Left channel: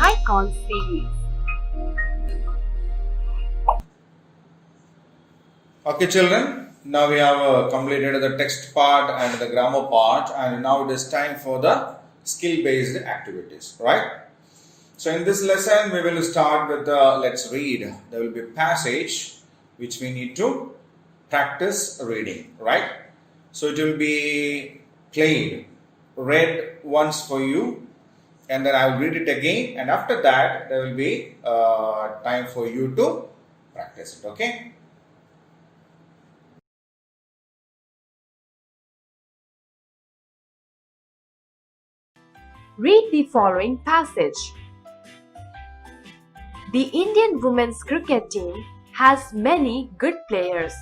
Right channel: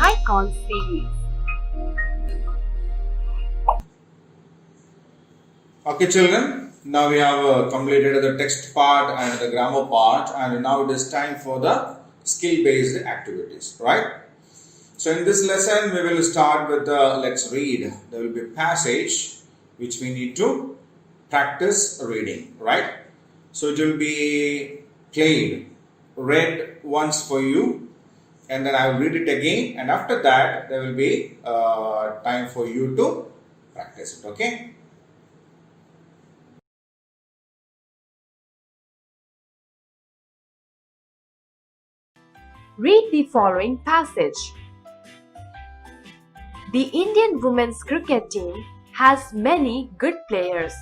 Icon series. Okay, children, now we have completed the text part and the grammar part, and now it is time for the skill based activities, right? So, in this lesson, we will start with the let's read. There will be a passage which we need to practice reading, right? So, it will be played, read once for you, and then I will read it again, and after that, there will be time for you to practice it, okay? Read the following passage. The Indian women's cricket team has many good players.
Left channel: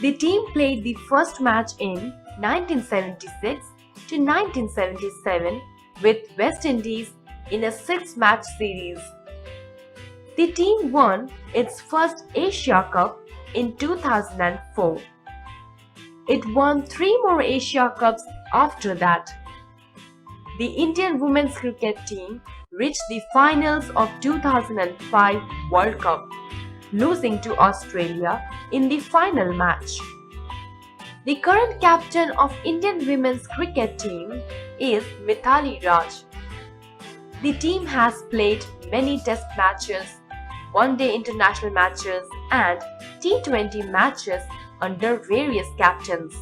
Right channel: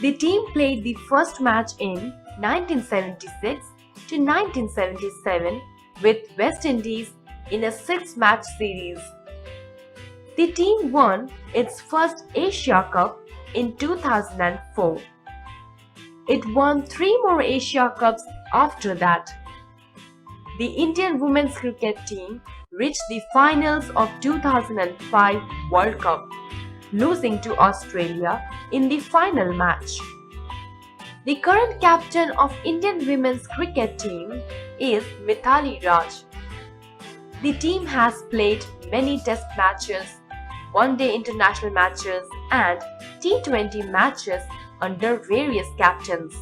The team played the first match in 1976 to 1977 with West Indies in a six-match series. The team won its first Asia Cup in 2004. It won three more Asia Cups after that. The Indian women's cricket team reached the finals of 2005 World Cup, losing to Australia in the final match. The current captain of Indian women's cricket team is Mithali Raj. The team has played many test matches, one-day international matches and T20 matches under various captains.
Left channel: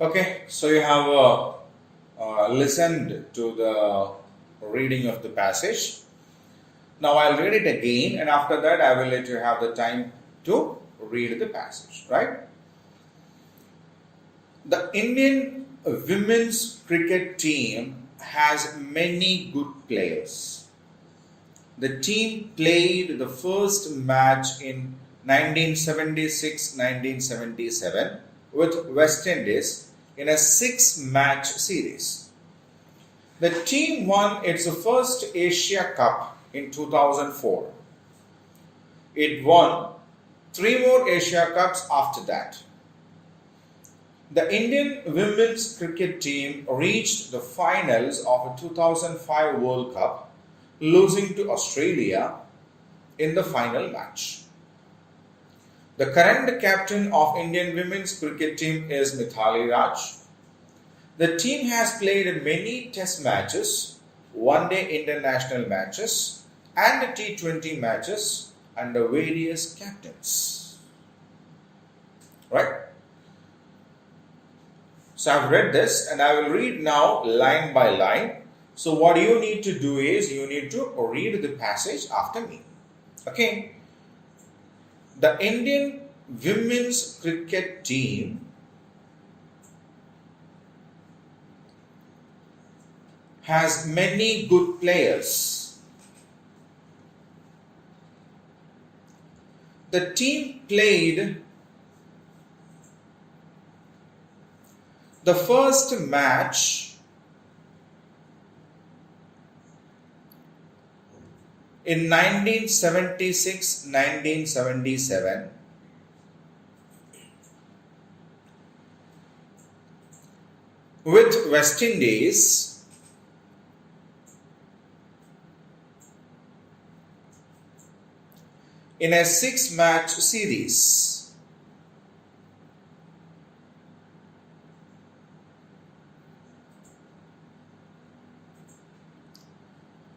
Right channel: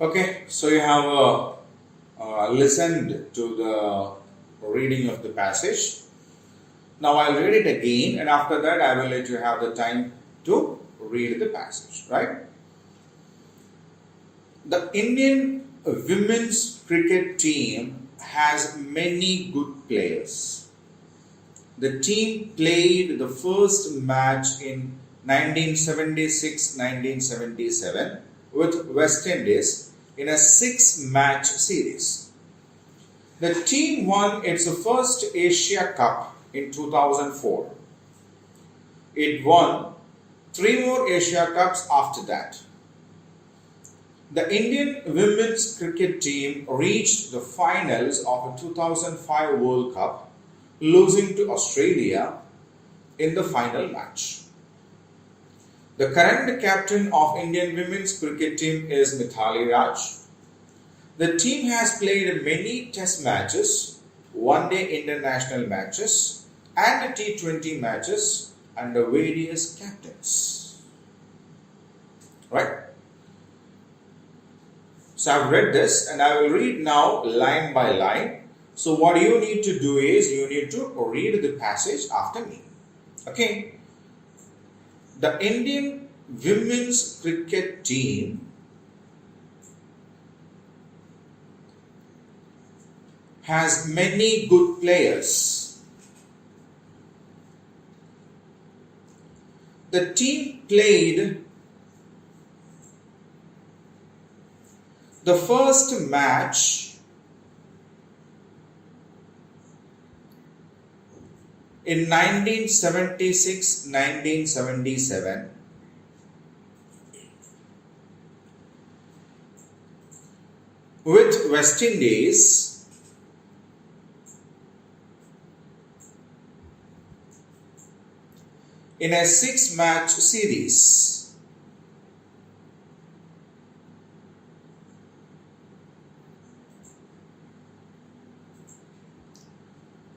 Okay, so you have listened to the reading of the passage. Now I'll read it again, and after that, I will let you have the time to read the passage, right? The Indian women's cricket team has many good players. The team played the first match in 1976 1977 with West Indies in a six match series. The team won its first Asia Cup in 2004. It won three more Asia Cups after that. The Indian women's cricket team reached the finals of the 2005 World Cup, losing to Australia in the final match. The current captain of Indian women's cricket team is Mithali Raj. The team has played many test matches, one-day international matches, and T20 matches under various captains. Right? So I've read this and I will read now line by line. So what you need to do is you need to read the passage after me. Okay? The Indian women's cricket team has many good players. The team played the first match in 1976 1977 with West Indies in a six match series.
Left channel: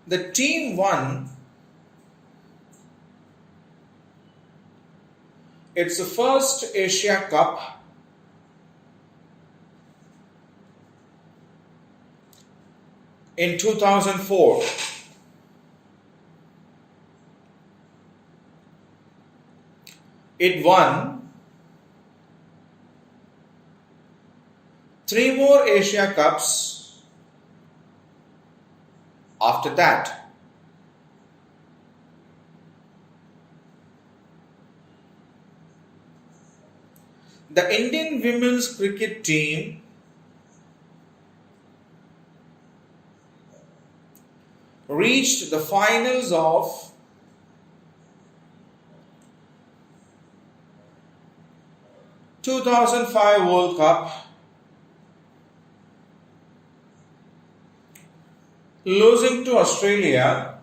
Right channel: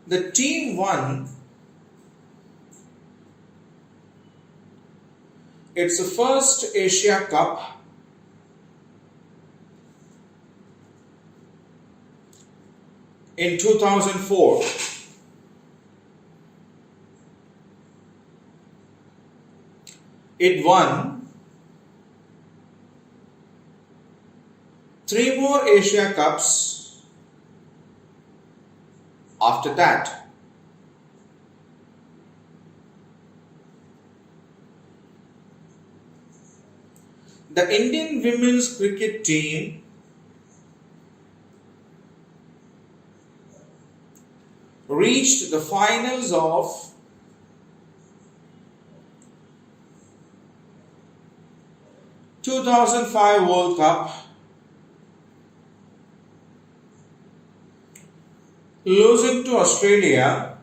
The team won its first Asia Cup in 2004. It won three more Asia Cups after that. The Indian women's cricket team reached the finals of 2005 World Cup, losing to Australia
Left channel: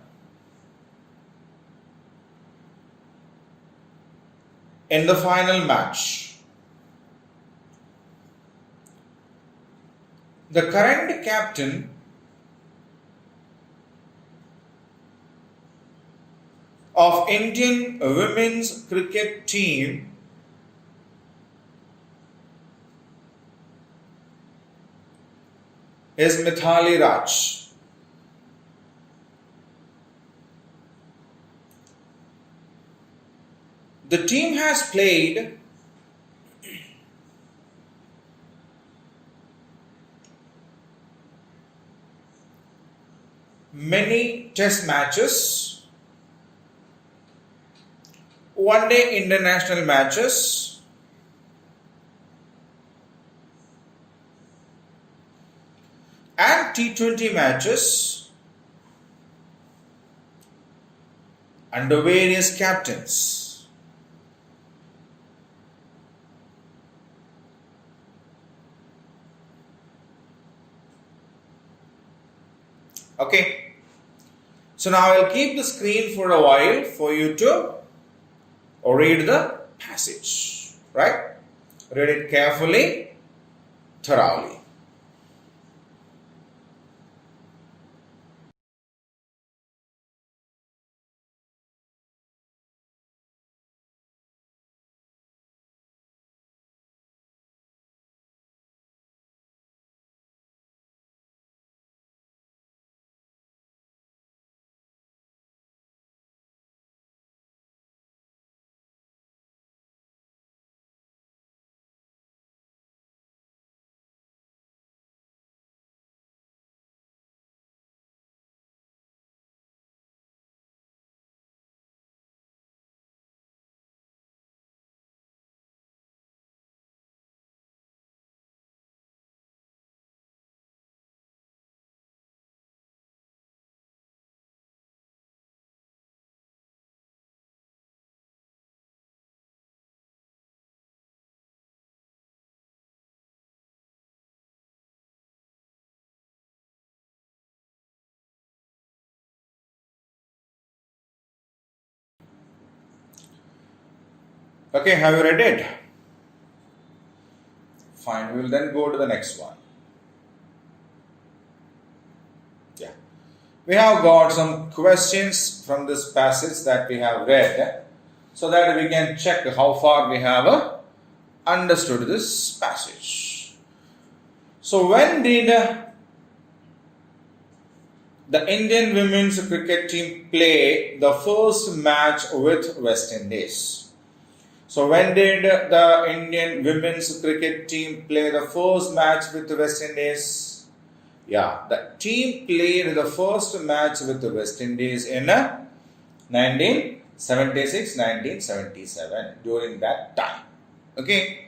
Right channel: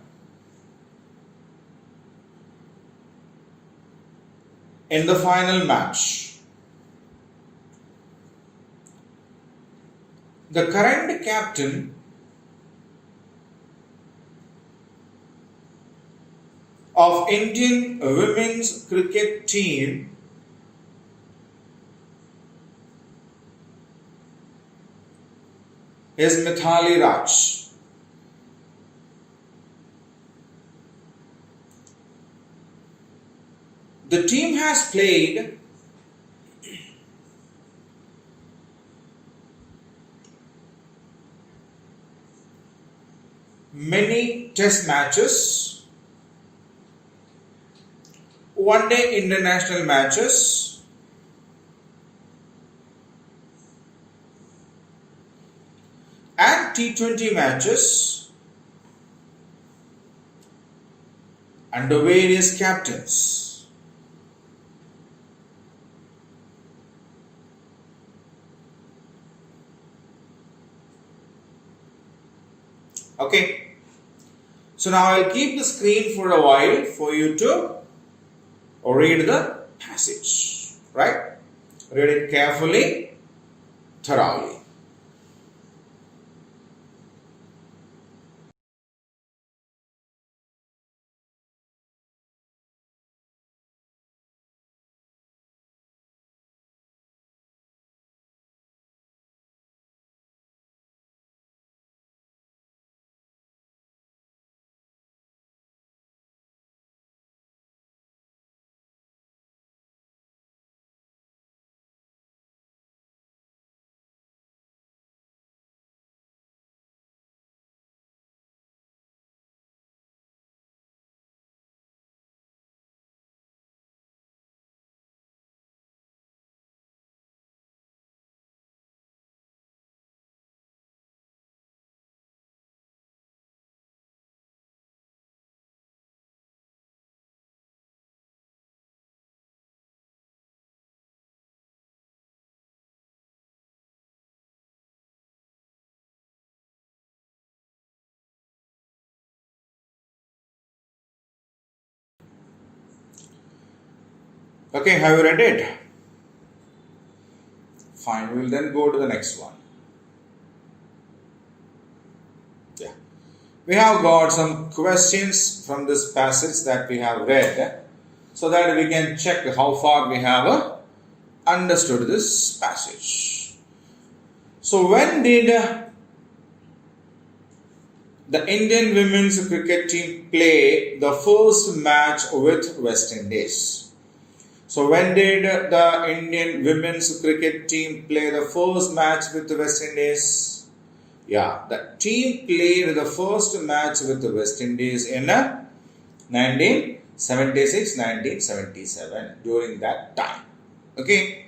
in the final match. The current captain of Indian women's cricket team is Mithali Raj. The team has played many test matches, one-day international matches, and T20 matches under various captains. Okay, so now I'll keep the screen for a while for you to read the passage, right? Read it carefully, thoroughly. Okay, have you read it? Fine, we will then go to the next one. Yeah. We have got some questions from this passage that we have read so that we can check how far we have understood this passage. So, when did the Indian women's cricket team play the first match with West Indies? So, when did the Indian women's cricket team play the first match with the West Indies? Yeah, the team played the first match with the West Indies in 1976-1977, during that time. Okay.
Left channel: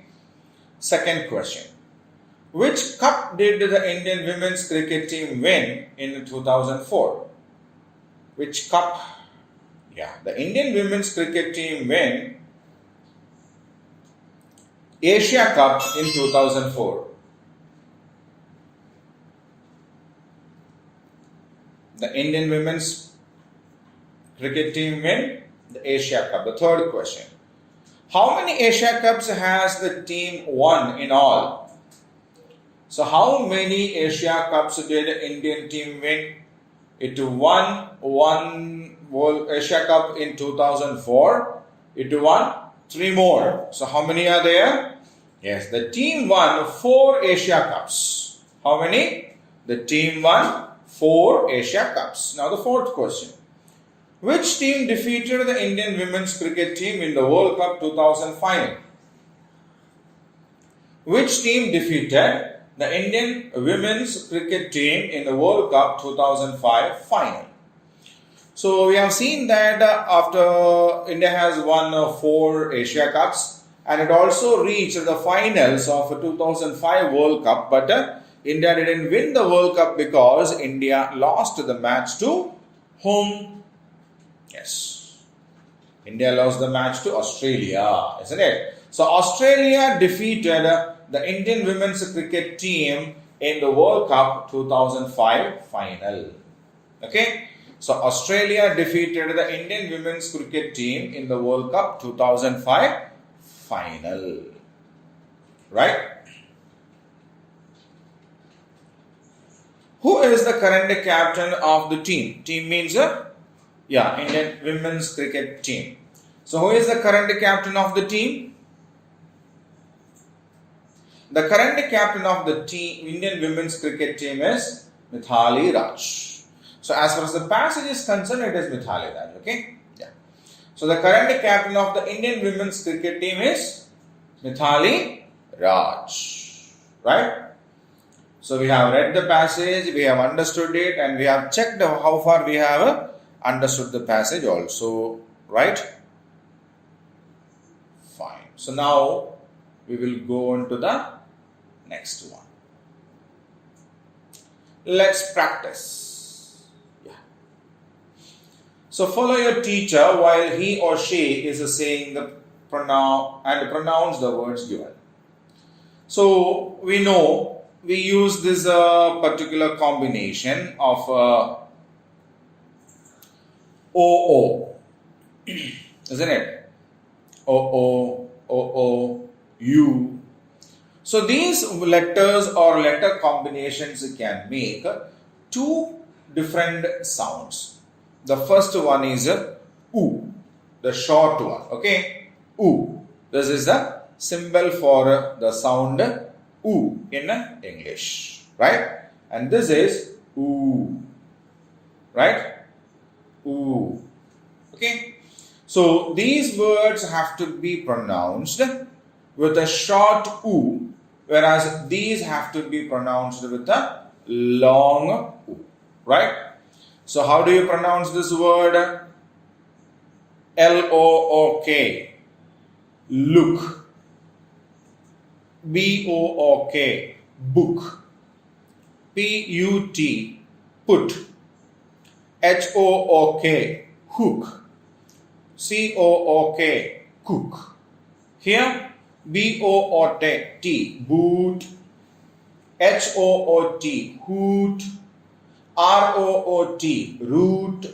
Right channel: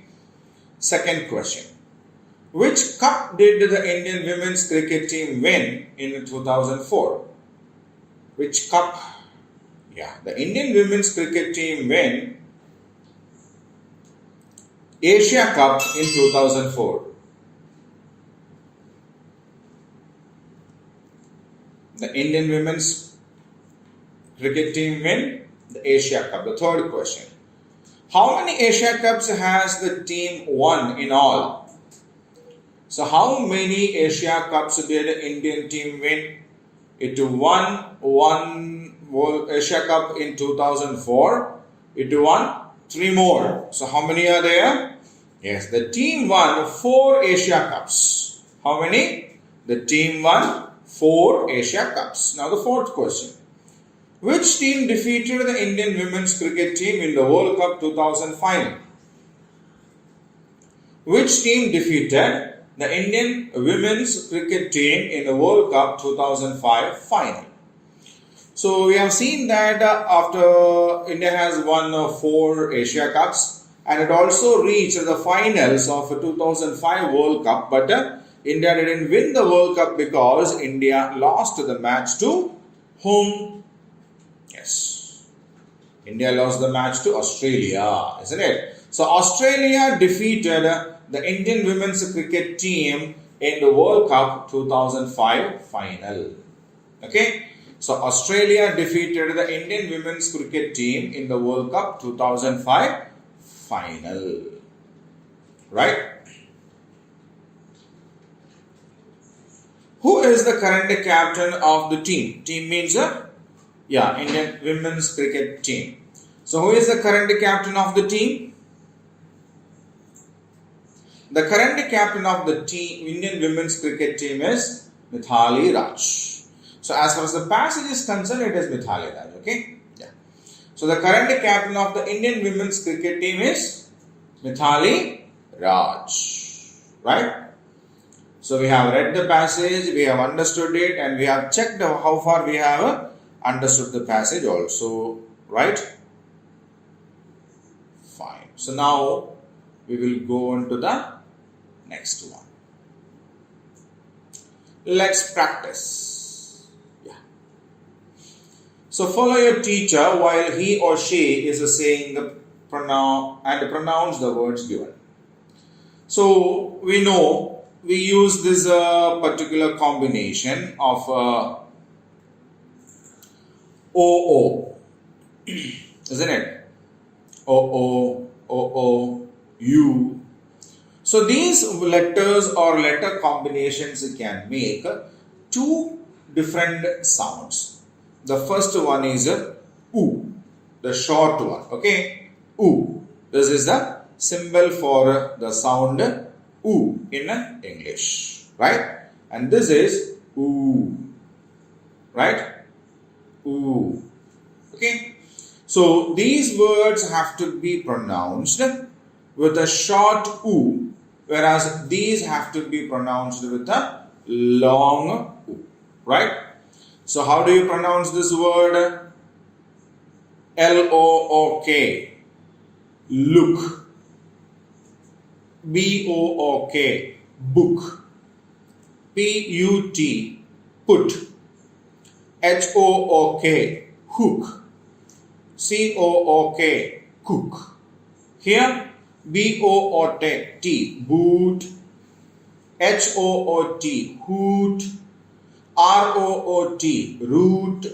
Second question. Which cup did the Indian women's cricket team win in 2004? Which cup? Yeah, the Indian women's cricket team win Asia Cup in 2004. The Indian women's cricket team win the Asia Cup. The third question. How many Asia Cups has the team won in all? So how many Asia Cups did the Indian team win? It won one World Asia Cup in 2004. It won 3 more. So how many are there? Yes, the team won 4 Asia Cups. How many? The team won 4 Asia Cups. Now the fourth question. Which team defeated the Indian women's cricket team in the World Cup 2000 final? Which team defeated the Indian women's cricket team in the World Cup 2005 final? So we have seen that after India has won 4 Asia Cups, and it also reached the finals of 2005 World Cup, but India didn't win the World Cup because India lost the match to whom? Yes, India lost the match to Australia, isn't it? So Australia defeated the Indian women's cricket team in the World Cup 2005 final. Okay, so Australia defeated the Indian women's cricket team in the World Cup 2005 final. Right? Who is the current captain of the team? Team means Indian women's cricket team. So who is the current captain of the team? The current captain of the team, Indian women's cricket team is Mithali Raj. So as far as the passage is concerned, it is Mithali Raj. Okay. Yeah. So the current captain of the Indian women's cricket team is Mithali Raj. Right? So we have read the passage, we have understood it, and we have checked how far we have understood the passage also. Right? Fine. So now we will go on to the next one. Let's practice. Yeah. So follow your teacher while he or she is saying the pronoun and pronounce the words given. So we know we use this particular combination of OO, isn't it? OO, U. So these letters or letter combinations can make two different sounds. The first one is U, the short one. Okay, U. This is the symbol for the sound U in English, right? And this is U, right? U. Okay. So these words have to be pronounced with a short U, whereas these have to be pronounced with a long U, right? So how do you pronounce this word? L-O-O-K, look. B-O-O-K, book. P-U-T, put. H-O-O-K, hook. C-O-O-K, cook. Here, B-O-O-T, boot. H-O-O-T, hoot. R-O-O-T, root.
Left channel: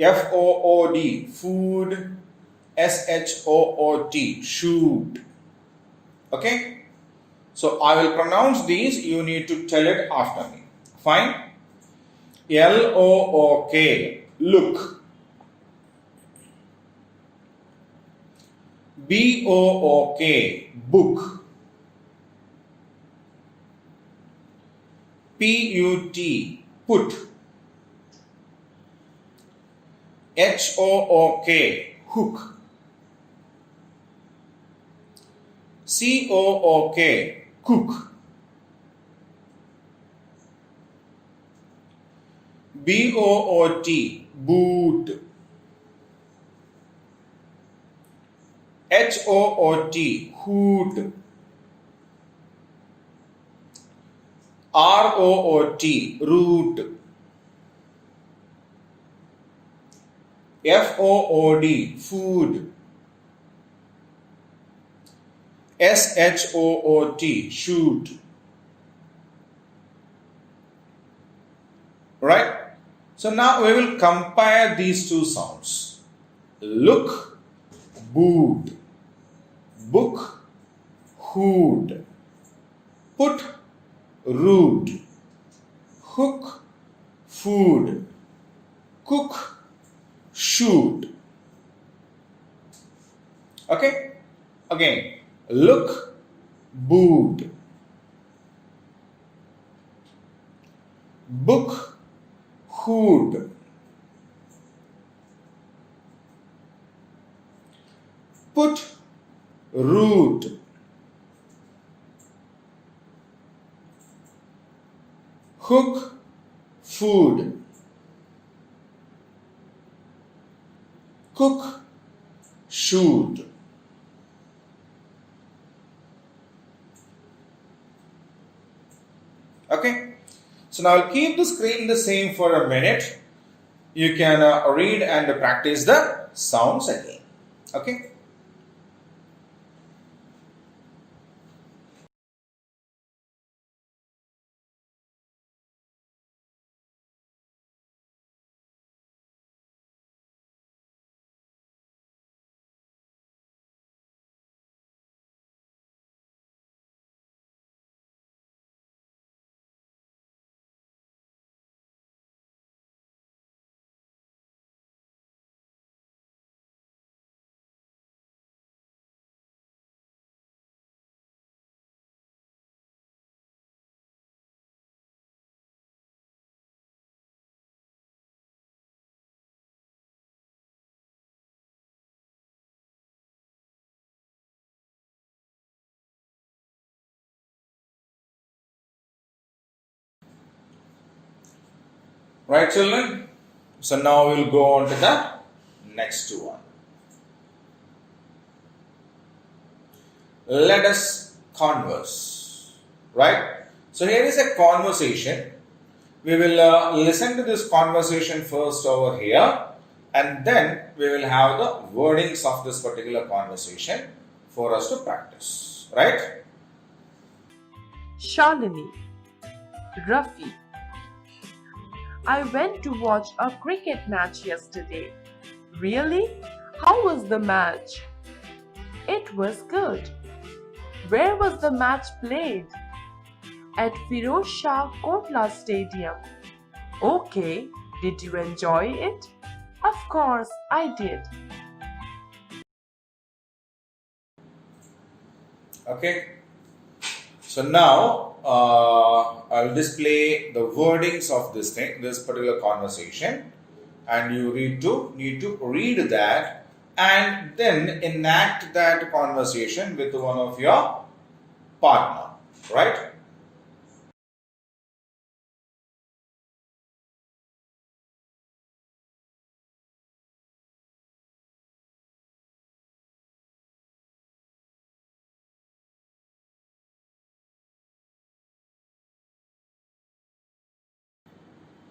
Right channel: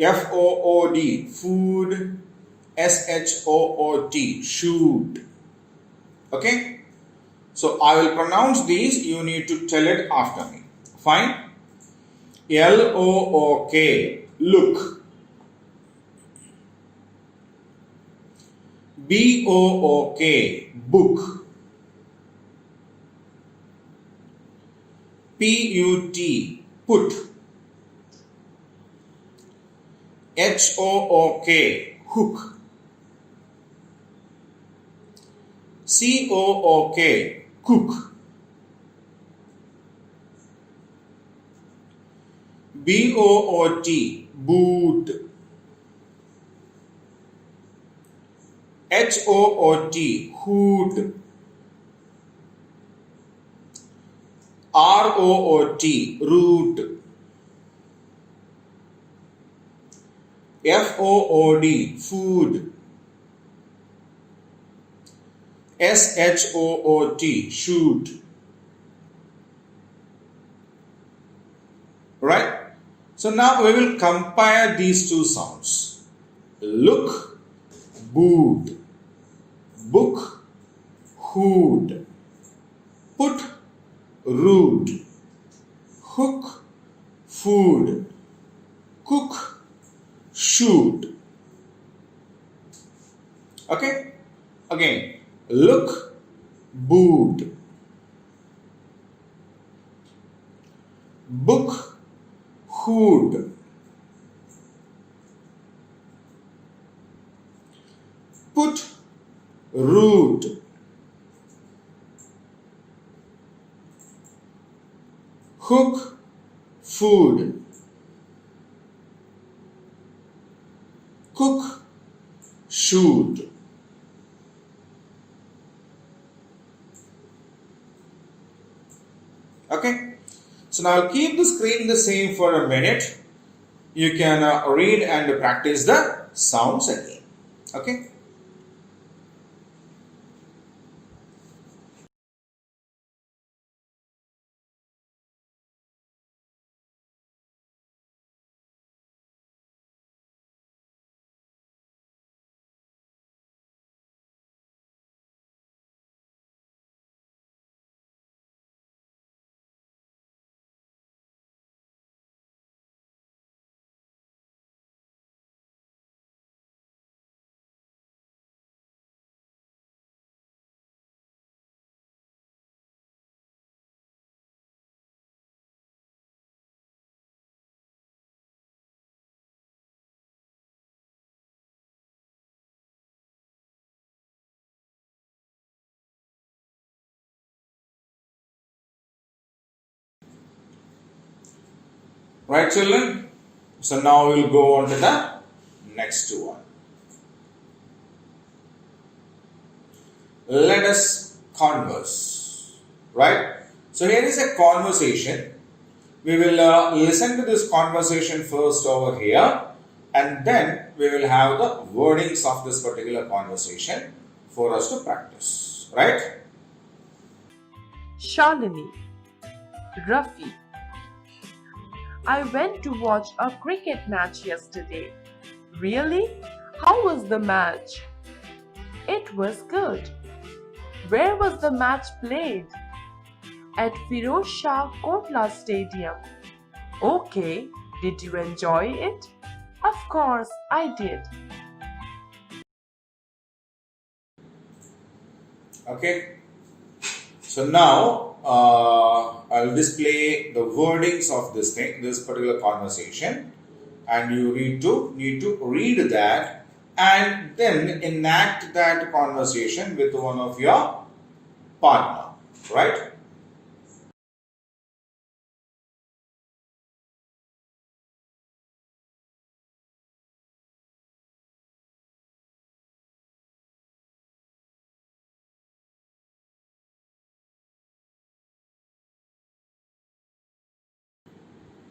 F-O-O-D, food. S-H-O-O-T, shoot. Okay? So, I will pronounce these. You need to tell it after me. Fine? L-O-O-K, look. B-O-O-K, book. P-U-T, put. H-O-O-K, hook. C-O-O-K, cook. B-O-O-T, boot. H-O-O-T, hoot. R-O-O-T, root. F-O-O-D, food. S-H-O-O-T, shoot. Right? So now we will compare these two sounds. Look, boot. Book, hood. Put, root. Hook, food. Cook, shoot. Okay? Again, look, boot. Book, hood. Put, root. Hook, food. Cook, shoot. Okay? So now I'll keep the screen the same for a minute. You can read and practice the sounds again. Okay? Right, children? So now we'll go on to the next one. Let us converse. Right? So here is a conversation. We will listen to this conversation first over here, and then we will have the wordings of this particular conversation for us to practice. Right? Shalini, Rafi. I went to watch a cricket match yesterday. Really? How was the match? It was good. Where was the match played? At Firoz Shah Kotla Stadium. Okay, did you enjoy it? Of course I did. Okay. So now I'll display the wordings of this particular conversation, and you need to read that and then enact that conversation with one of your partner, right?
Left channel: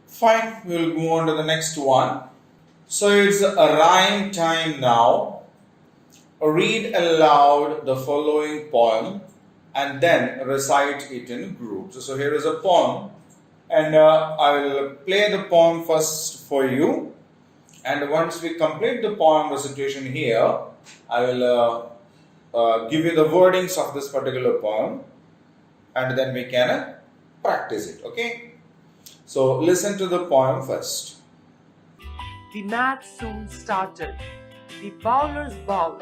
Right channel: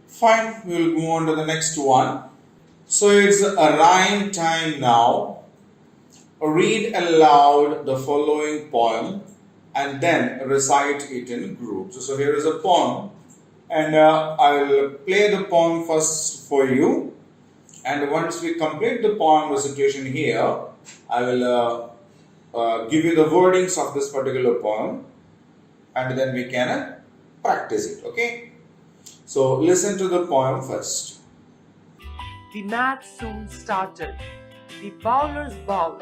Fine, we'll move on to the next one. So it's a rhyme time now. Read aloud the following poem and then recite it in groups. So here is a poem, and I'll play the poem first for you. And once we complete the poem recitation here, I will give you the wordings of this particular poem, and then we can practice it. Okay? So listen to the poem first. The match soon started. The bowlers bowled.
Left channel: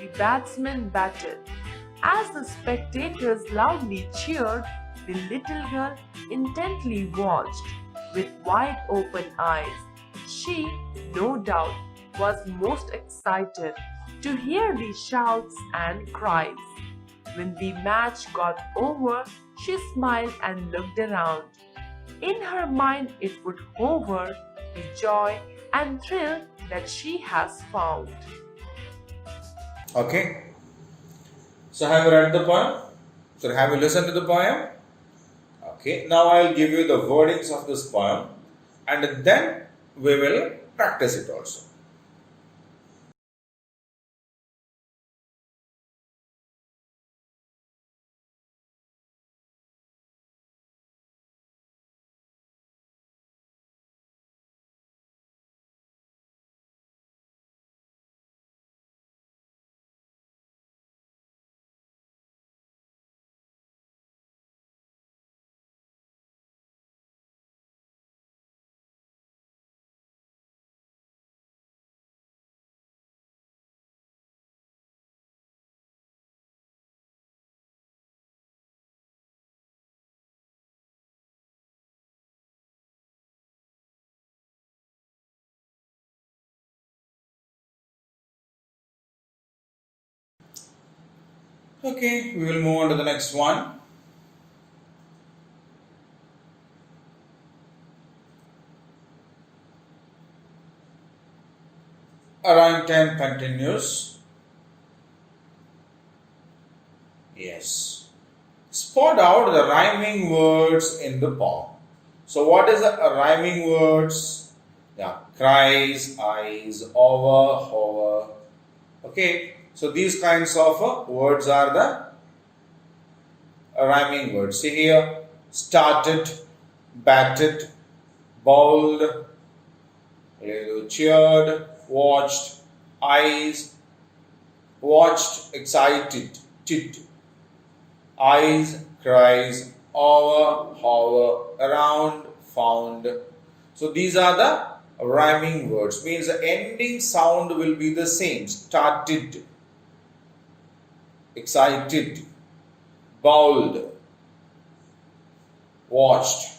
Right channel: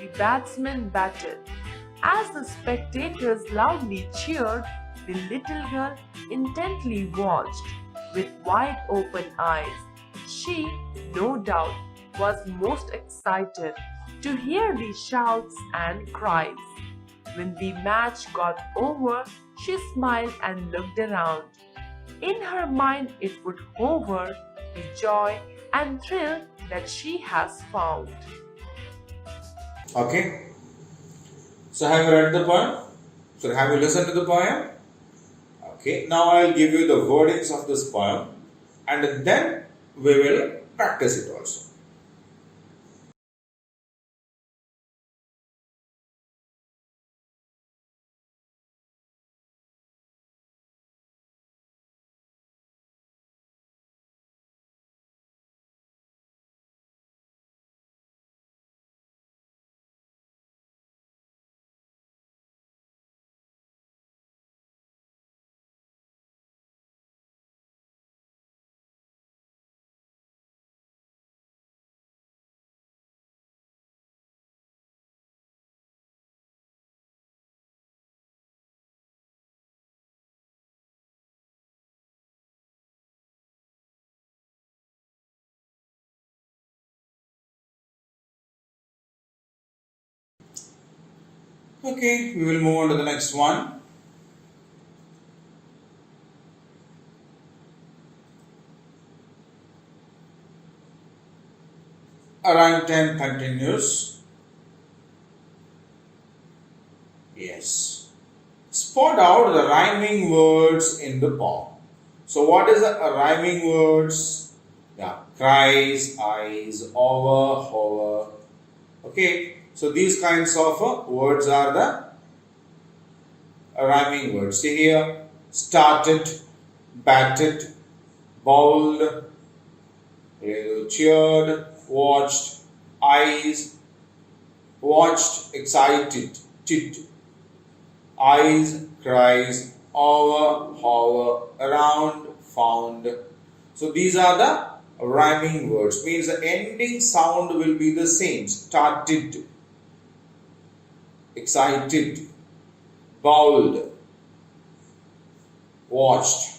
The batsmen batted. As the spectators loudly cheered, the little girl intently watched with wide open eyes. She, no doubt, was most excited to hear the shouts and cries. When the match got over, she smiled and looked around. In her mind, it would hover the joy and thrill that she has found. Okay. So have you read the poem? So have you listened to the poem? Okay. Now I'll give you the wordings of this poem, and then we will practice it also. Okay, we will move on to the next one. Rhyme time continues. Yes. Spot out the rhyming words in the poem. So what is the rhyming words? Yeah, cries, eyes, over, hover. Okay, so these kinds of words are the rhyming words. See here, started, batted, bowled, cheered, watched, eyes, watched, excited, tit, eyes, cries, over, hover, around, found. So these are the rhyming words. Means the ending sound will be the same. Started, excited, bowled, watched.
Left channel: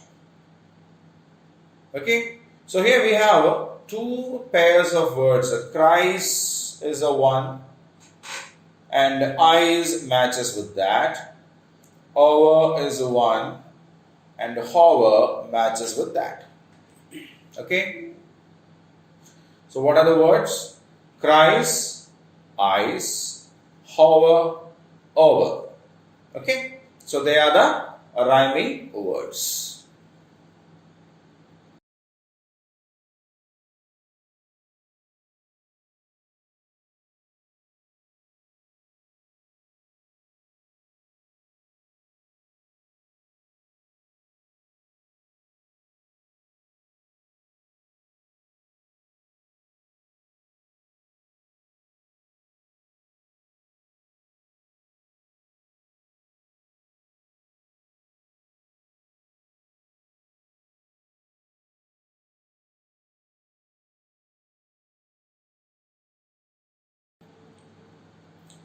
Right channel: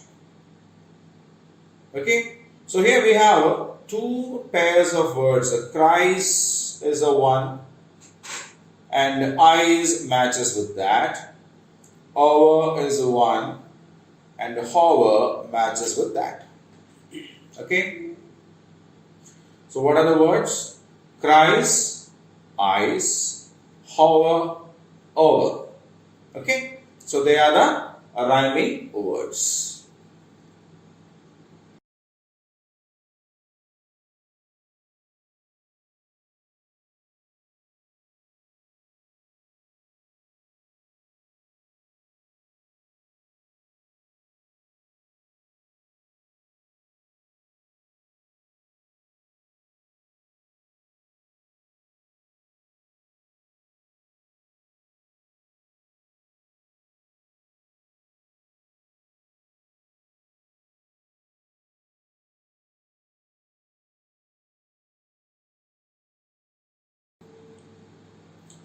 Okay. So here we have two pairs of words. Cries is a one, and eyes matches with that. Over is a one, and hover matches with that. Okay. So what are the words? Cries, eyes, hover, over. Okay. So they are the rhyming words.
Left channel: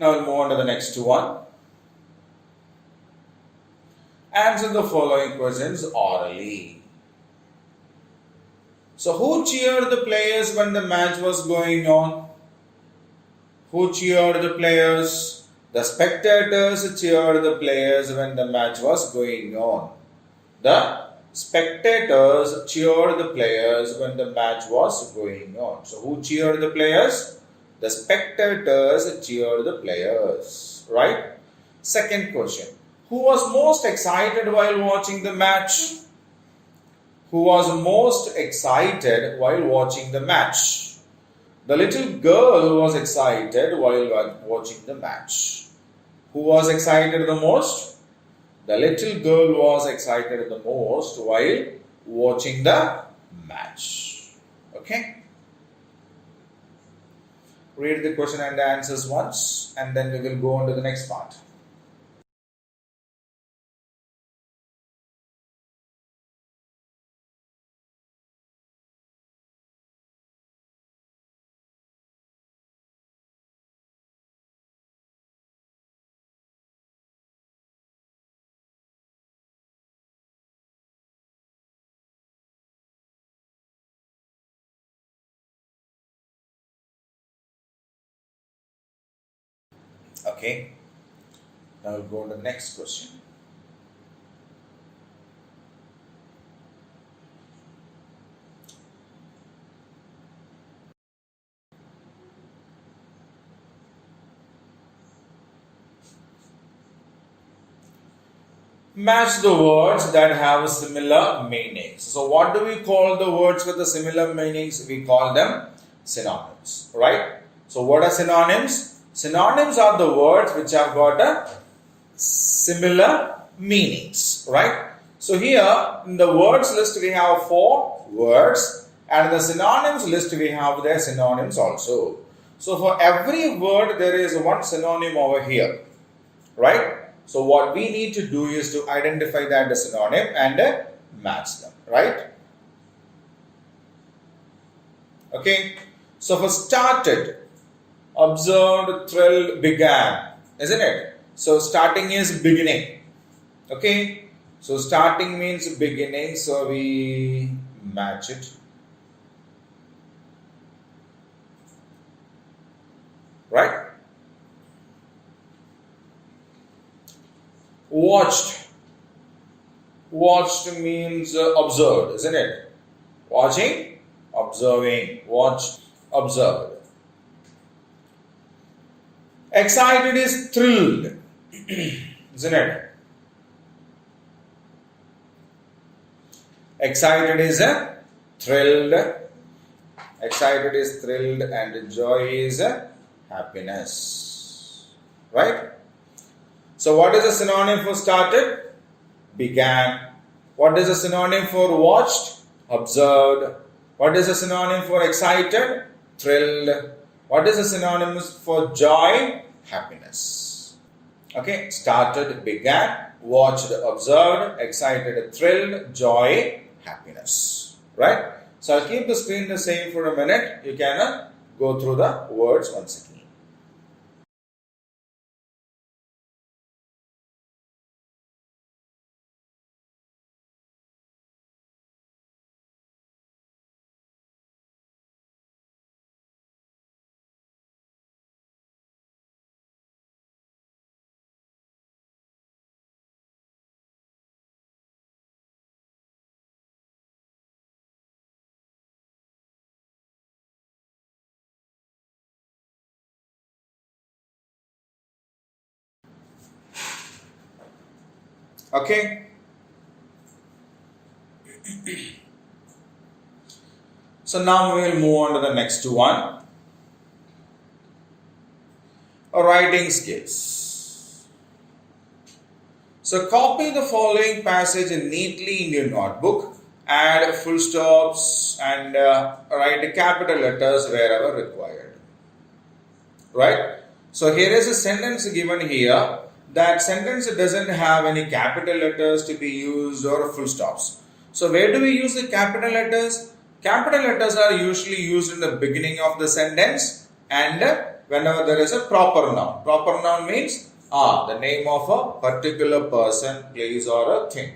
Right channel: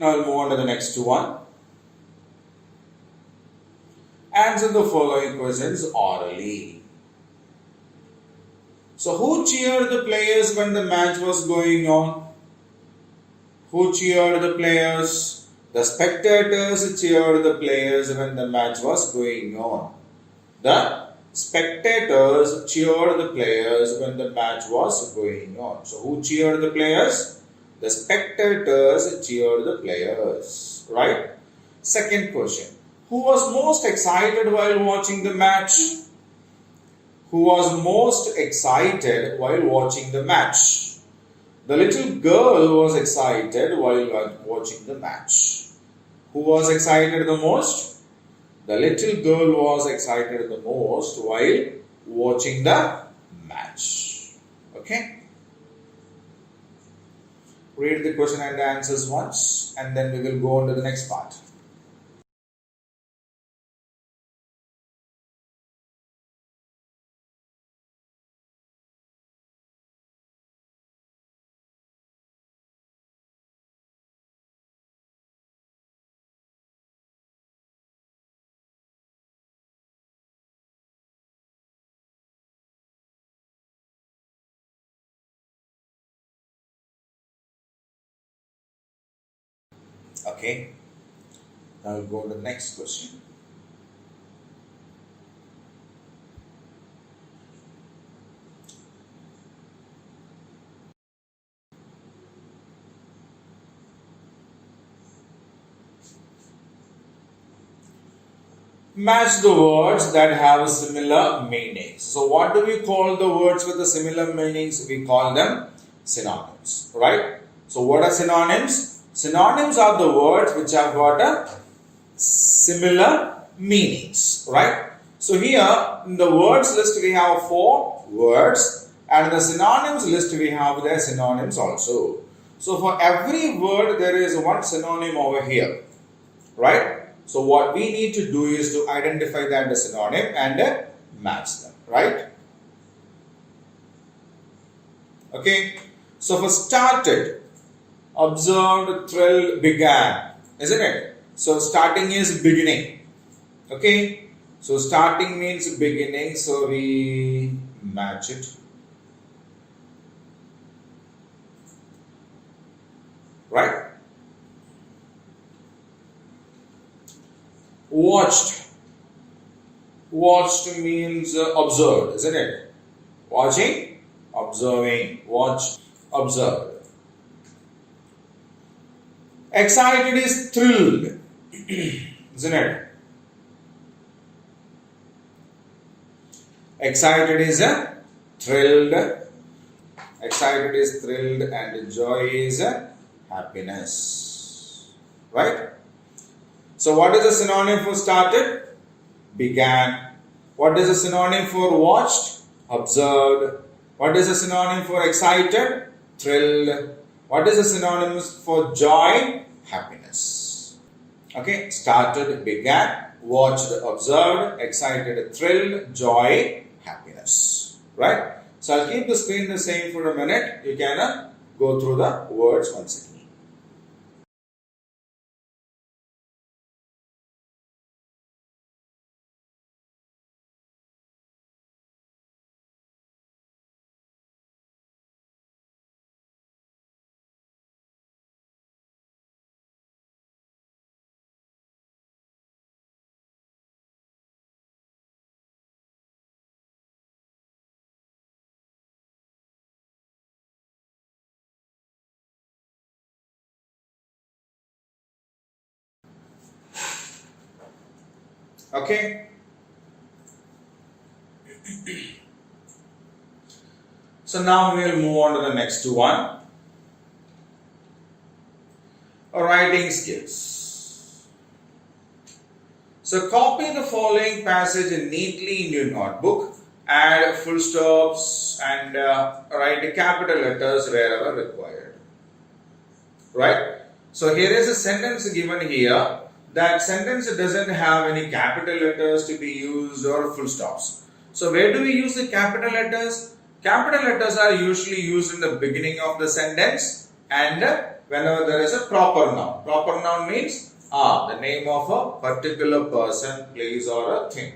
Now we'll move on to the next one. Answer the following questions orally. So, who cheered the players when the match was going on? Who cheered the players? The spectators cheered the players when the match was going on. The spectators cheered the players when the match was going on. So, who cheered the players? The spectators cheered the players. Right? Second question. Who was most excited while watching the match? Who was most excited while watching the match? The little girl was excited while watching the match. Who was excited the most? The little girl was excited the most while watching the match. Okay? Read the question and the answers once, and then we will go on to the next part. Okay? Now we'll go to the next question. Match the words that have similar meanings. So, what do we call the words with the similar meanings? We call them synonyms, right? So, what are synonyms? Synonyms are the words which have got a similar meanings, right? So, here in the words list we have 4 words, and in the synonyms list we have their synonyms also. So, for every word there is one synonym over here, right? So what we need to do is to identify that as synonym and match them, right? Okay. So for started, observed, thrilled, began, isn't it? So starting is beginning. Okay. So starting means beginning, so we match it. Right? Watched. Watched means observed, isn't it? Watching, observing, watched, observed. Excited is thrilled, isn't it? Excited is thrilled. Excited is thrilled, and joy is happiness. Right? So, what is a synonym for started? Began. What is a synonym for watched? Observed. What is a synonym for excited? Thrilled. What is a synonym for joy? Happiness. Okay, started, began, watched, observed, excited, thrilled, joy, happiness. Right? So I'll keep the screen the same for a minute. You can go through the words once again. Okay. So now we will move on to the next one. Writing skills. So copy the following passage neatly in your notebook. Add full stops and write capital letters wherever required. Right? So here is a sentence given here. That sentence doesn't have any capital letters to be used or full stops. So where do we use the capital letters? Capital letters are usually used in the beginning of the sentence and whenever there is a proper noun. Proper noun means the name of a particular person, place or a thing.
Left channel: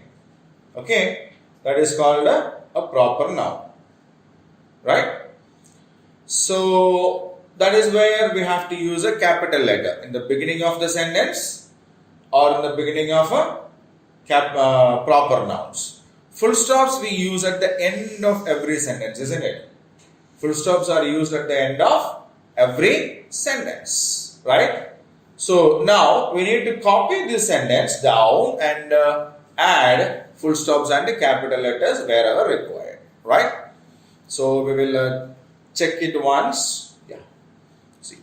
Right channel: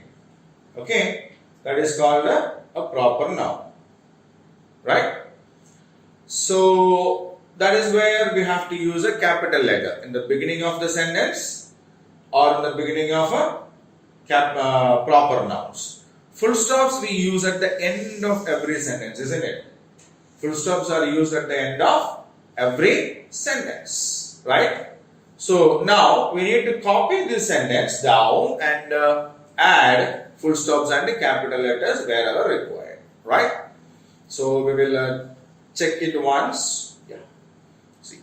Okay, that is called a proper noun. Right? So that is where we have to use a capital letter in the beginning of the sentence or in the beginning of a proper nouns. Full stops we use at the end of every sentence, isn't it? Full stops are used at the end of every sentence, right? So now we need to copy this sentence down and add full stops and capital letters wherever required, right? So we will check it once. Yeah. See,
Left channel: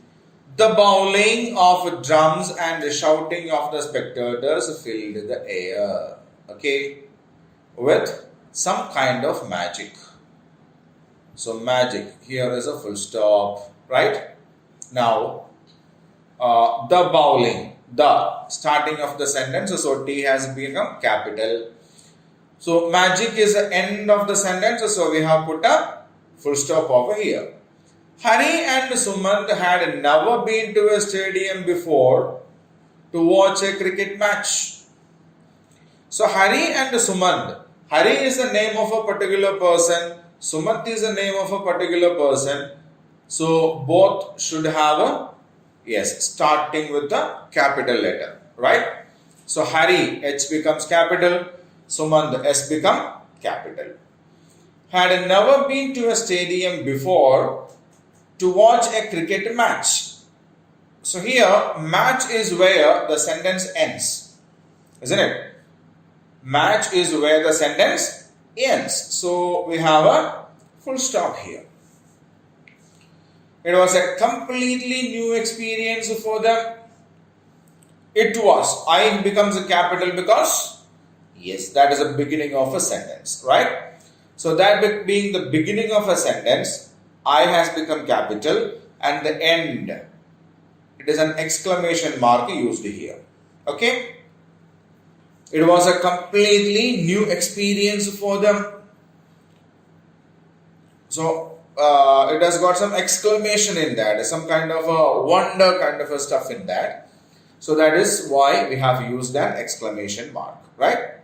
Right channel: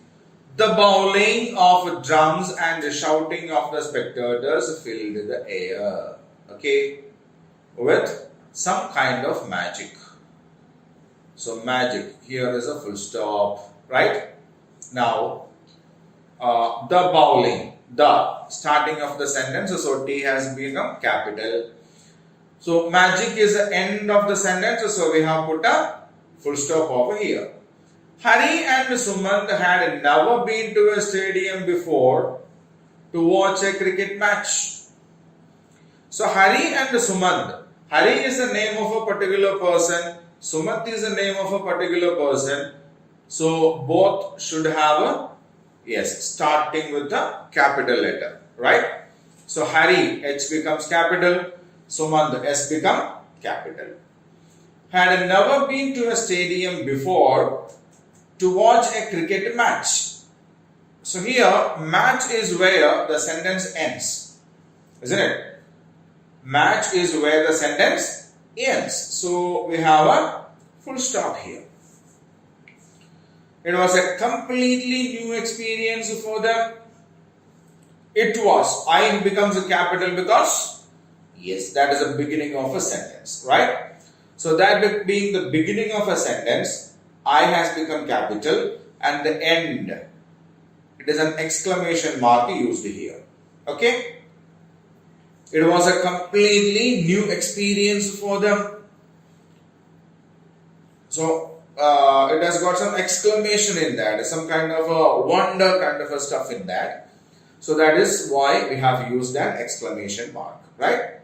the bowling of drums and the shouting of the spectators filled the air. Okay, with some kind of magic. So magic, here is a full stop, right? Now, the bowling, the starting of the sentence, so T has become capital. So magic is the end of the sentence, so we have put a full stop over here. Hari and Sumant had never been to a stadium before to watch a cricket match. So Hari and Sumant, Hari is the name of a particular person, Sumant is the name of a particular person. So both should have a, yes, starting with the capital letter, right? So Hari, H becomes capital, Sumant, S become capital. Had never been to a stadium before to watch a cricket match. So here, match is where the sentence ends, isn't it? Match is where the sentence ends. So we have a full stop here. It was a completely new experience for them. It was. I becomes a capital because, yes, that is the beginning of a sentence, right? So that being the beginning of a sentence, I has become capital and the end, it is an exclamation mark used here. Okay? It was a completely new experience for them. So it has got some exclamation in that, some kind of a wonder kind of a stuff in that. So that is why we have used an exclamation mark, right?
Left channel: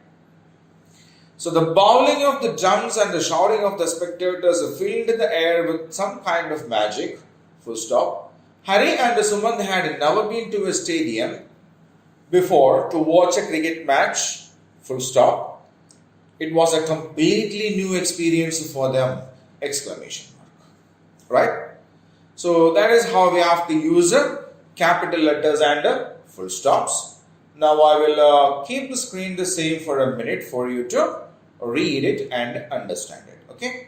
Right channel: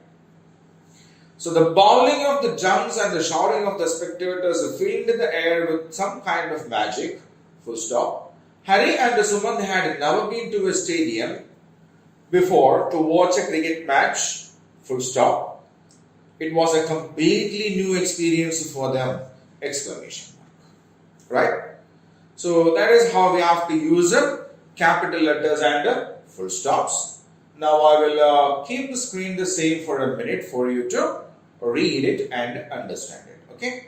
So the bowling of the drums and the shouting of the spectators filled the air with some kind of magic, full stop. Hari and Sumant had never been to a stadium before to watch a cricket match, full stop. It was a completely new experience for them, exclamation mark, right? So that is how we have to use capital letters and full stops. Now I will keep the screen the same for a minute for you to read it and understand it, okay?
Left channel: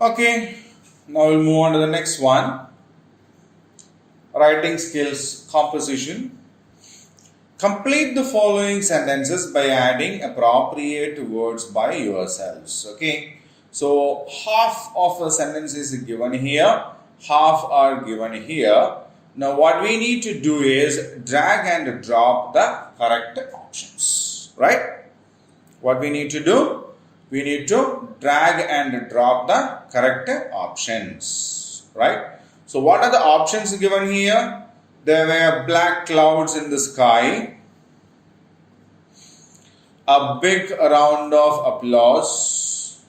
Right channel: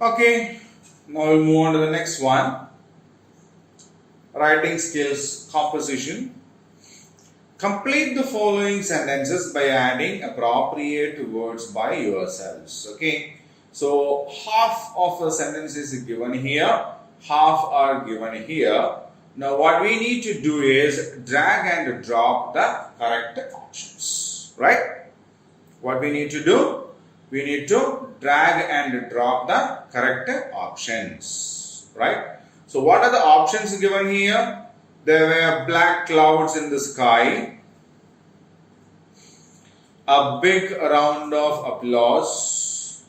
Okay, now we'll move on to the next one. Writing skills composition. Complete the following sentences by adding appropriate words by yourselves. Okay, so half of a sentence is given here, half are given here. Now what we need to do is drag and drop the correct options, right? What we need to do? we need to drag and drop the correct options, right? So what are the options given here? There were black clouds in the sky, a big round of applause,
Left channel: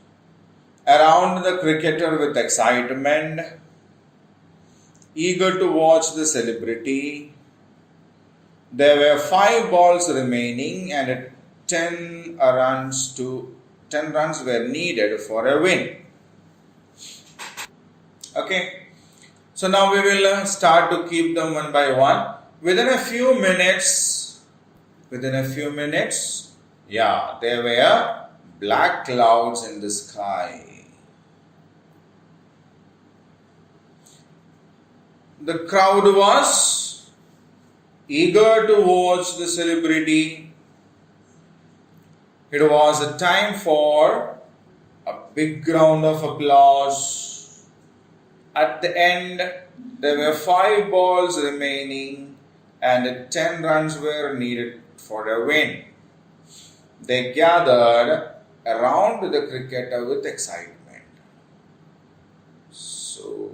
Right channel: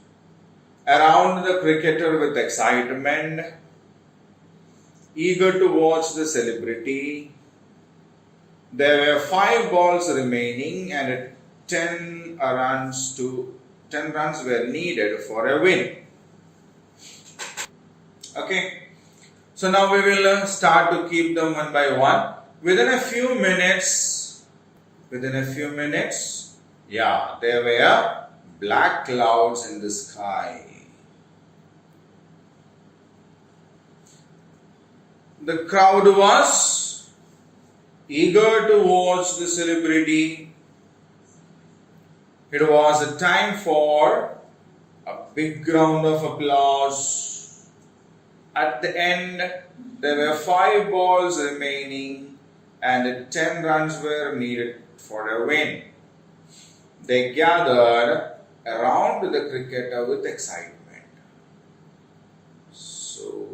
around the cricketer with excitement, eager to watch the celebrity. There were 5 balls remaining and 10 runs were needed for a win. Okay, so now we will start to keep them one by one. Within a few minutes, yeah, there were black clouds in the sky. The crowd was eager to watch the celebrity. It was a time for a big round of applause. At the end, there were 5 balls remaining and 10 runs were needed for a win. They gathered around the cricketer with excitement. So,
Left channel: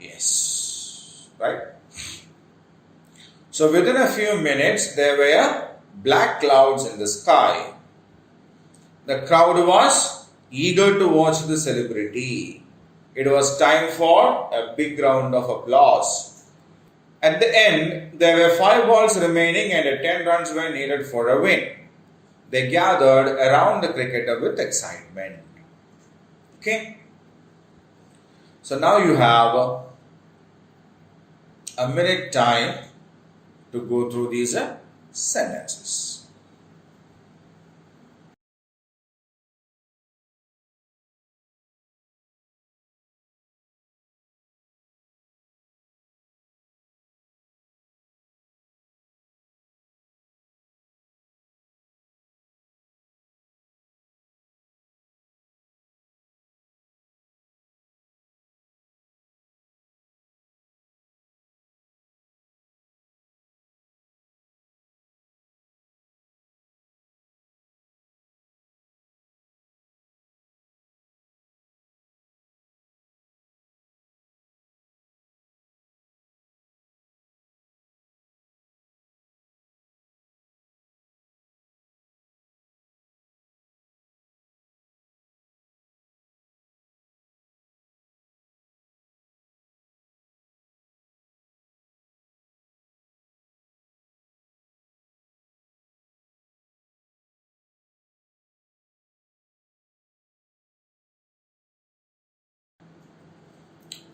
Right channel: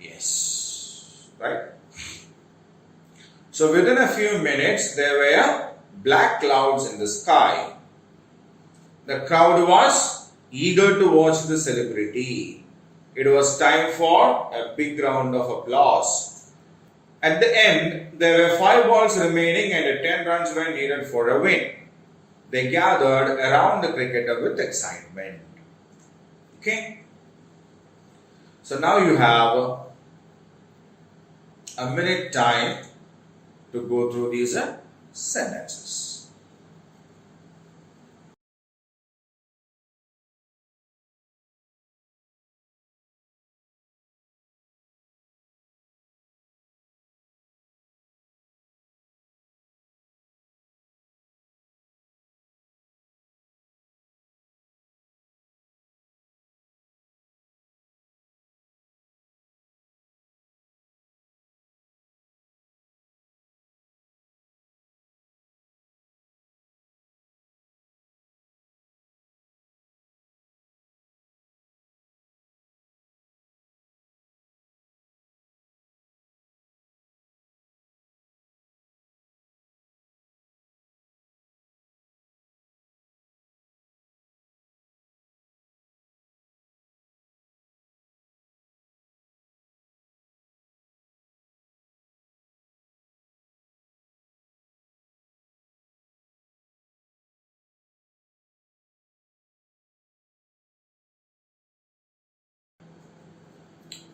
yes, right? So, within a few minutes, there were black clouds in the sky. The crowd was eager to watch the celebrity. It was time for a big round of applause. At the end, there were 5 balls remaining and 10 runs were needed for a win. They gathered around the cricketer with excitement. Okay? So now you have a minute time to go through these sentences.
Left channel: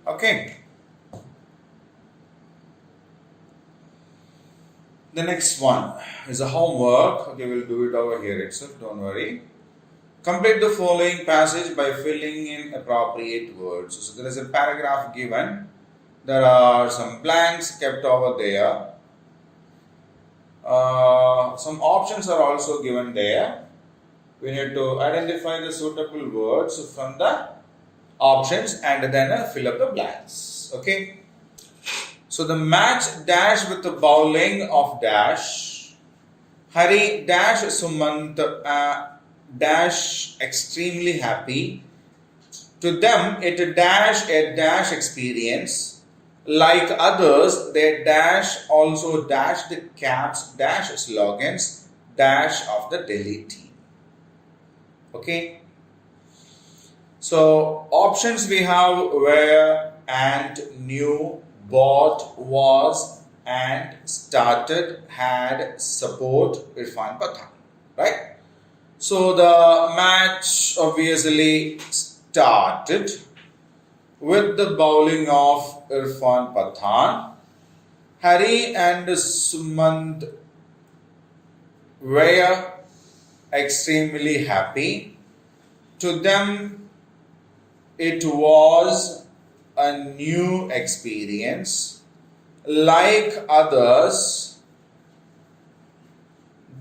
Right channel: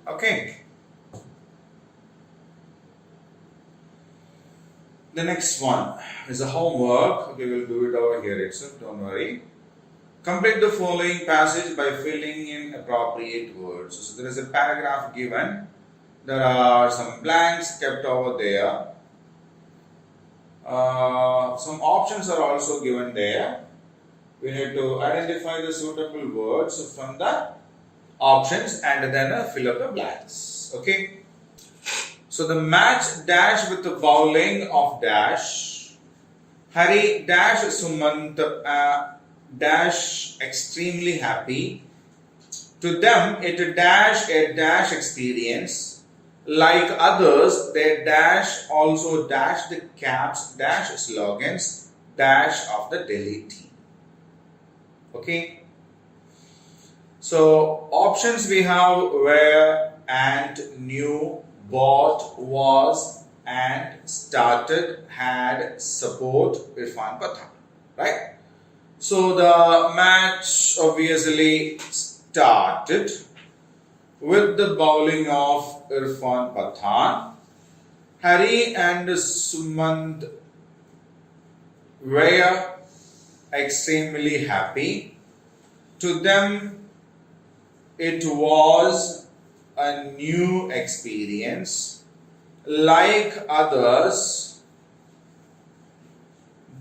Okay. The next one is a homework. Okay, we'll do it over here itself, don't worry. Complete the following passage by filling in appropriate words. So there is a paragraph given. There are some blanks kept over there. Some options are also given there. We need to identify the suitable words from the options and then fill up the blanks. Okay. So the match dash with the bowling of dash. Hari dash Sumant dash extremely happy. To them it dash a dash experience. Like others, they dash also dash the caps dash slogans dash of the Delhi team. Okay. So options we have were and new, bought, was, and started, had, support, Irfan Pathan. Right? So the match obviously started with the bowling of Irfan Pathan. Hari and Sumant were extremely happy. To them, it was a new experience. Like others,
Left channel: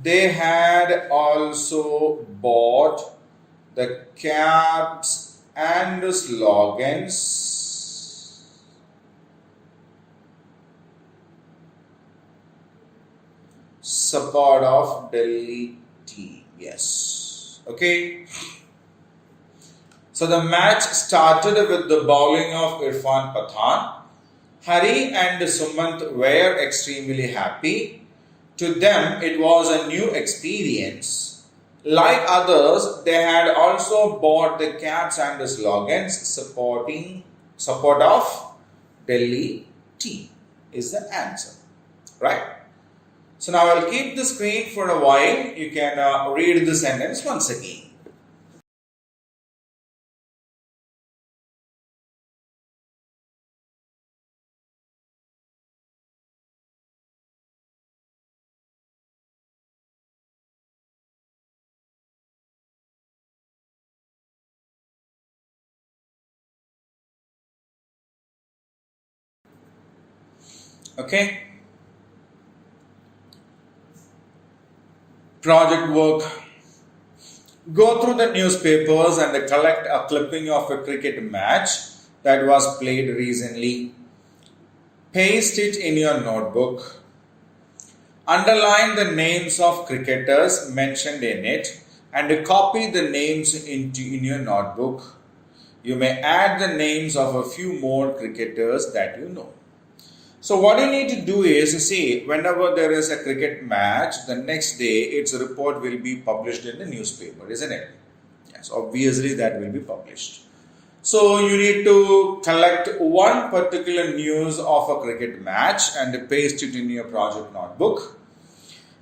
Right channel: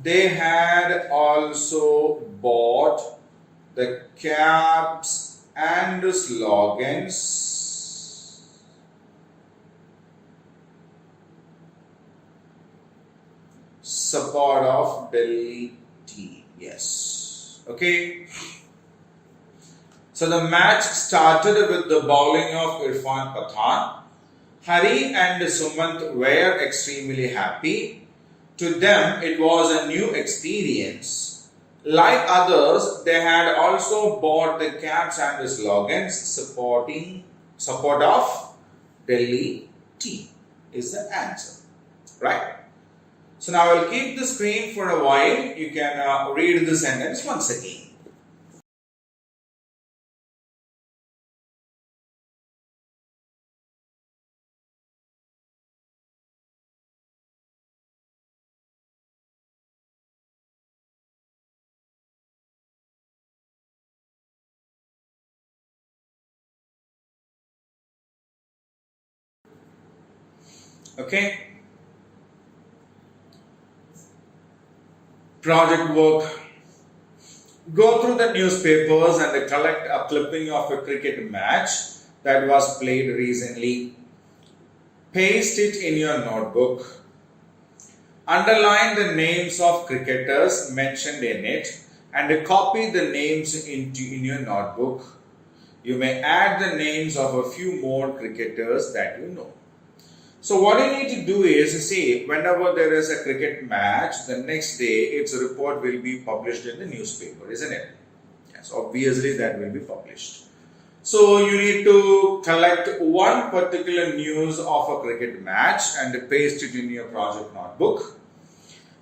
they had also bought the caps and slogans. Support of Delhi team. Yes. Okay. So the match started with the bowling of Irfan Pathan. Hari and Sumant were extremely happy. To them, it was a new experience. Like others, they had also bought the caps and the slogans support of Delhi team is the answer, right? So now I'll keep the screen for a while. You can read the sentence once again. Okay. Project work. Go through the newspapers and collect a clipping of a cricket match that was played recently. Paste it in your notebook. Underline the names of cricketers mentioned in it and copy the names in your notebook. You may add the names of a few more cricketers that you know. So what you need to do is, see, whenever there is a cricket match, the next day its report will be published in the newspaper, isn't it? Yes, obviously that will be published. So you need to collect one particular news of a cricket match and paste it in your project notebook.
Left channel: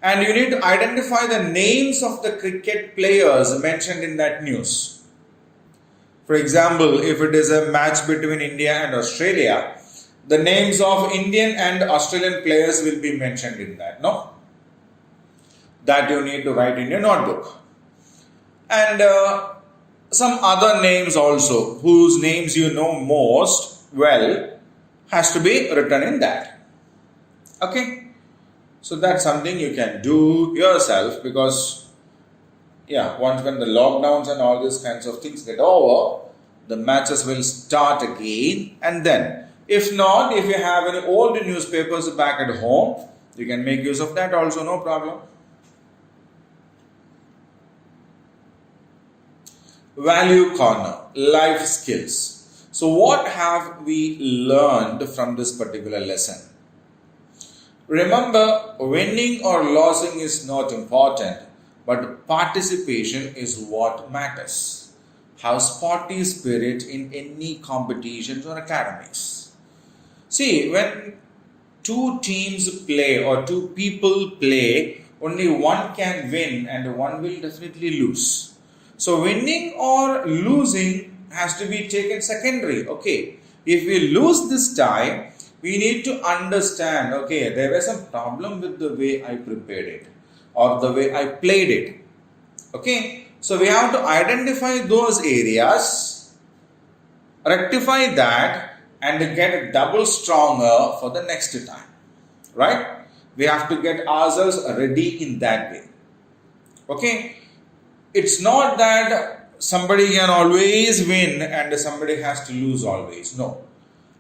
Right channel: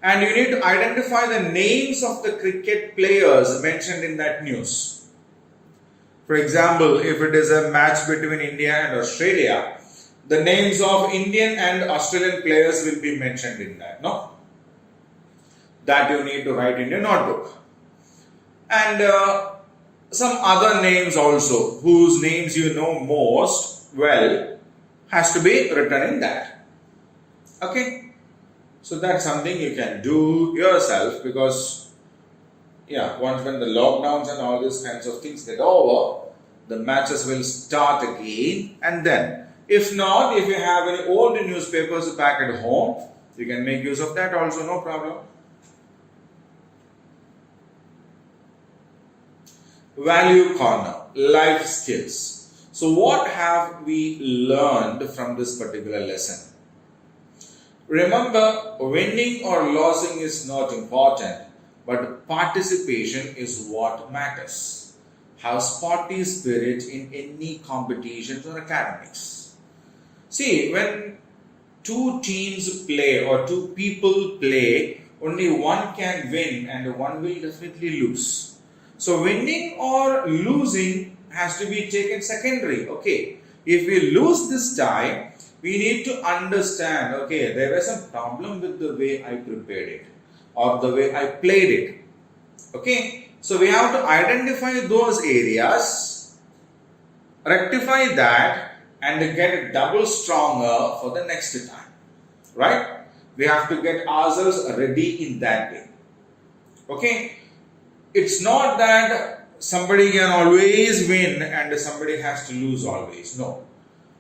And you need to identify the names of the cricket players mentioned in that news. For example, if it is a match between India and Australia, the names of Indian and Australian players will be mentioned in that, no? That you need to write in your notebook. And some other names also, whose names you know most well, has to be written in that. Okay? So that's something you can do yourself because, once when the lockdowns and all these kinds of things get over, the matches will start again, and then if not, if you have any old newspapers back at home, you can make use of that also, no problem. Value corner, life skills. So what have we learned from this particular lesson? Remember, winning or losing is not important, but participation is what matters. Have sporty spirit in any competitions or academics. See, when two teams play or two people play, only one can win and one will definitely lose. So winning or losing has to be taken secondary. Okay, if we lose this time, we need to understand, okay, there was some problem with the way I prepared it or the way I played it. Okay, so we have to identify those areas, rectify that, and get double stronger for the next time, right? We have to get ourselves ready in that way. Okay, it's not that somebody can always win and somebody has to lose always. No,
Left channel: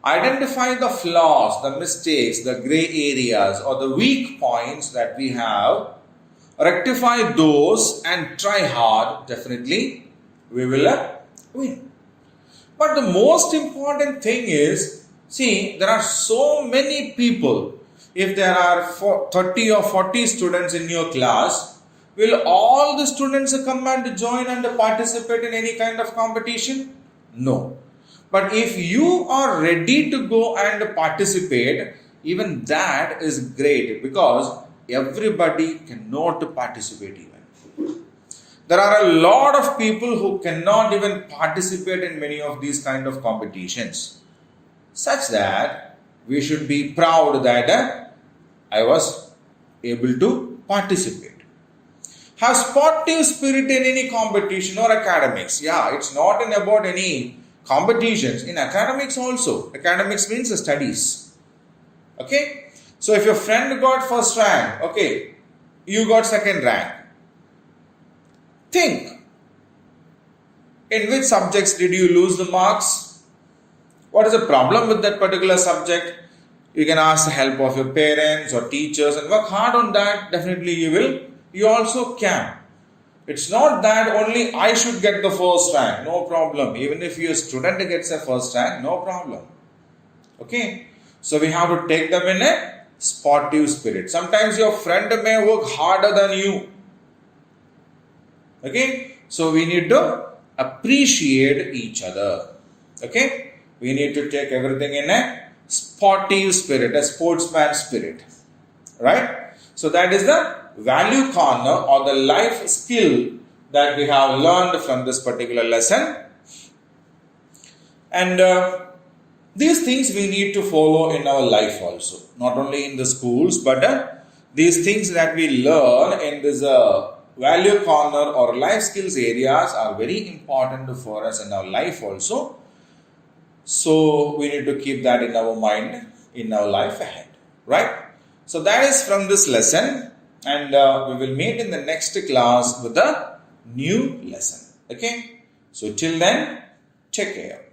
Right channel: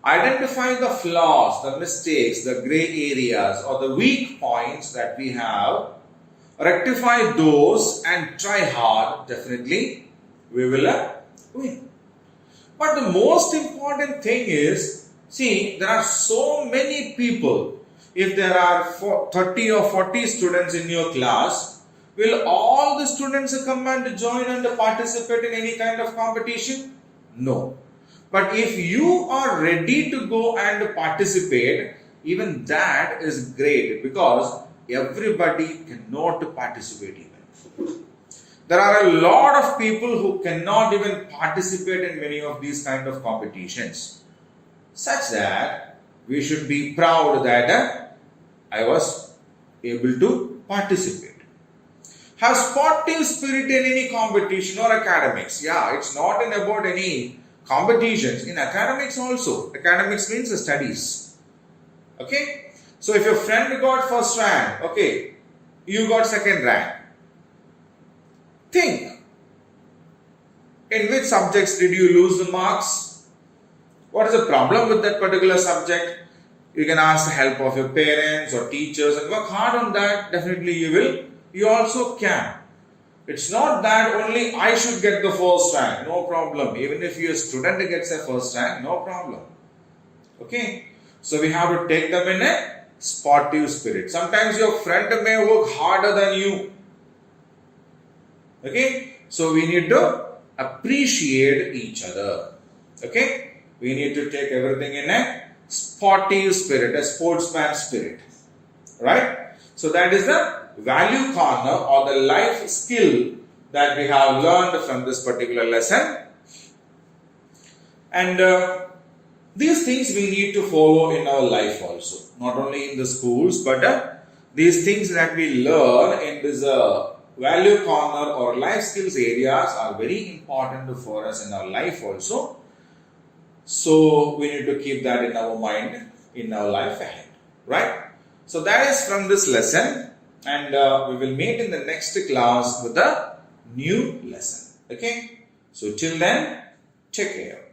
identify the flaws, the mistakes, the gray areas or the weak points that we have, rectify those and try hard. Definitely we will win. But the most important thing is, see, there are so many people. If there are 30 or 40 students in your class, will all the students come and join and participate in any kind of competition? No. But if you are ready to go and participate, even that is great because everybody cannot participate even. There are a lot of people who cannot even participate in many of these kind of competitions, such that we should be proud that I was able to participate. Have sportive spirit in any competition or academics. Yeah, it's not about any competitions. In academics also. Academics means studies. Okay. So if your friend got first rank, okay, you got second rank. Think, in which subjects did you lose the marks? What is the problem with that particular subject? You can ask the help of your parents or teachers and work hard on that. Definitely you will. You also can. It's not that only I should get the first rank, no problem. Even if your student gets a first rank, no problem. Okay, so we have to take them in a sportive spirit. Sometimes your friend may work harder than you. Okay, so we need to appreciate each other. Okay, we need to take everything in a sportive spirit, a sportsman spirit. Right? So that is the value corner or the life skill that we have learned from this particular lesson. And these things we need to follow in our life also. Not only in the schools, but these things that we learn in this value corner or life skills areas are very important for us in our life also. So we need to keep that in our mind, in our life ahead. Right? So that is from this lesson, and we will meet in the next class with a new lesson. Okay? So till then, take care.